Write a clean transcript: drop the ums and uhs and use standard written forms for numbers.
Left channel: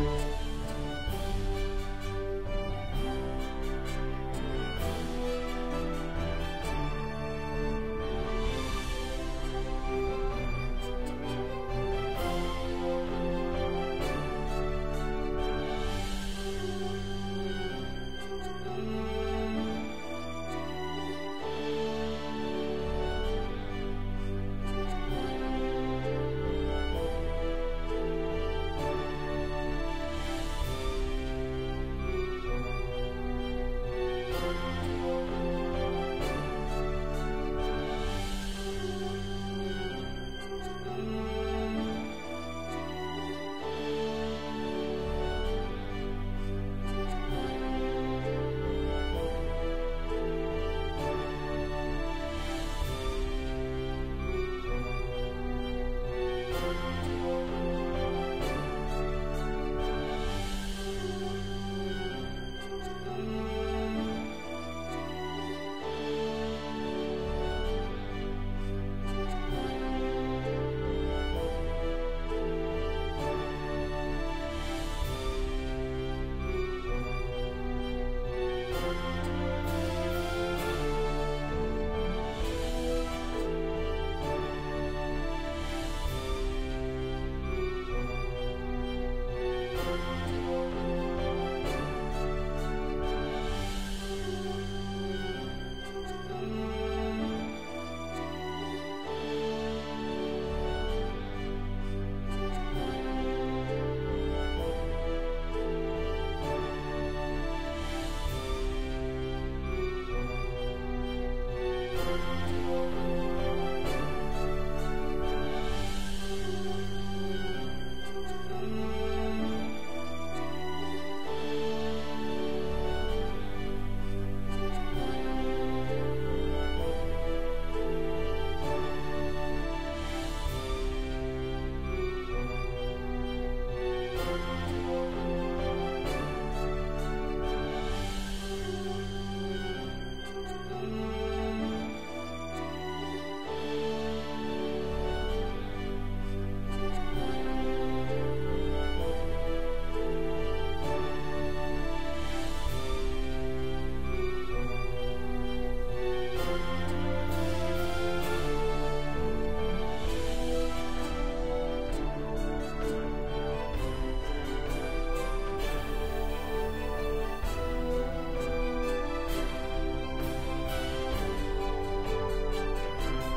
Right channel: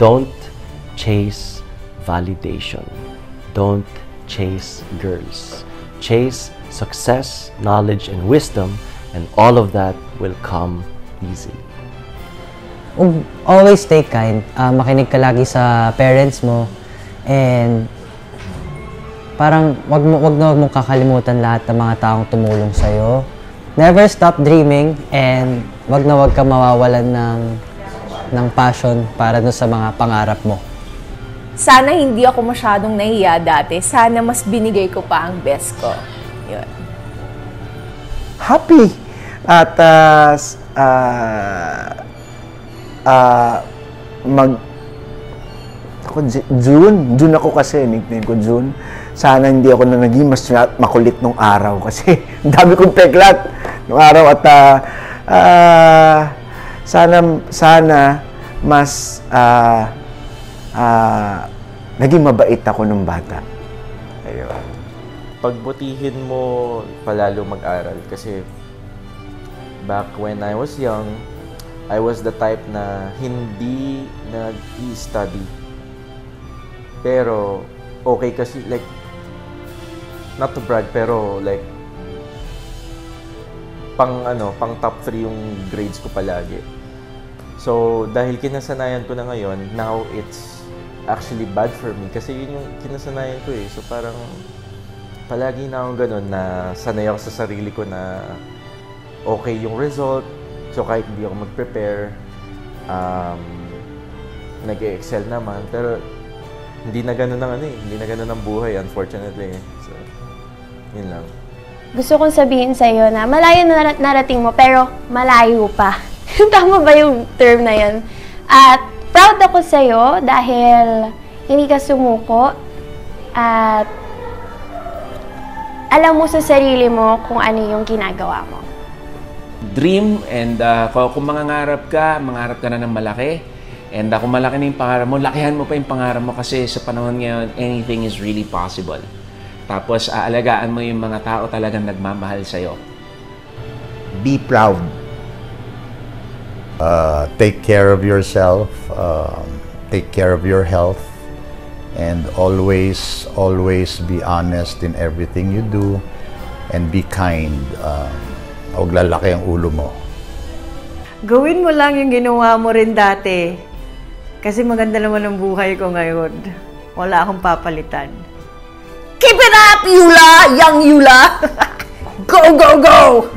Don't chase validation. Don't chase girls. Chase success, knowledge, and wisdom, and all of that will come easy. Always stay kind. Makinig ka lagi sa parents mo. And parang wag mong kakalimutan lahat ng mga taong tumulong sa'yo. Never stop dreaming, and wag ka mawawalan ng passion para dun sa mga pangarap mo. Sana hindi ako masyadong nahiya dati. Sana mas binigay ko pa ang best ko. Yun. Happy. At June ako kasi, nickname ko June. Sana hindi ako na naging mas makulit nung araw kasi ang dami kong peklat nung araw at sana mas naging mabait ako nung bata. Ayun. Pagbutihin mo palalo mag-aral kasi back when I was young, I was the type na hindi nag-i-study. Pero okay kasi, like, not to brag, pero like pang top 3 yung grades ko palagi. So dahil kinasanayan ko na ngayon, now it's actually bad for me kasi yun yung kinasanayan ko eh. So parang palagi na akong ganun na sanay ako sa sarili ko na okay yung result. So kahit hindi ako mag-prepare, nag-excel naman. Pero hindi na ganun hindi na ganun ang buhay, unfortunately. So, yun lang. Gusto kong sabihin sa'yo na malayo na narating mo, pero malayo pa. Tama ba yung term na yun? At proud ako sa'yo dahil hindi ka sumuko at alam mo sa sarili mo kung ano yung ginagawa mo. Dream, and kung mangarap ka na ng malaki. And kung malaki na yung pangarap mo, lakihan mo pa yung pangarap mo kasi sa panahon ngayon, anything is really possible. Tapos, aalagaan mo yung mga tao talagang nagmamahal sa'yo. Be proud. Take care of yourself. Take care of your health. And always be honest in everything you do. And be kind. Huwag lalaki ang ulo mo. Gawin mo lang yung ginawa mo rin dati. Kasi maganda naman ang buhay ko ngayon. Wala akong papalitan. Keep it up, Yula! Young Yula! Go, go, go!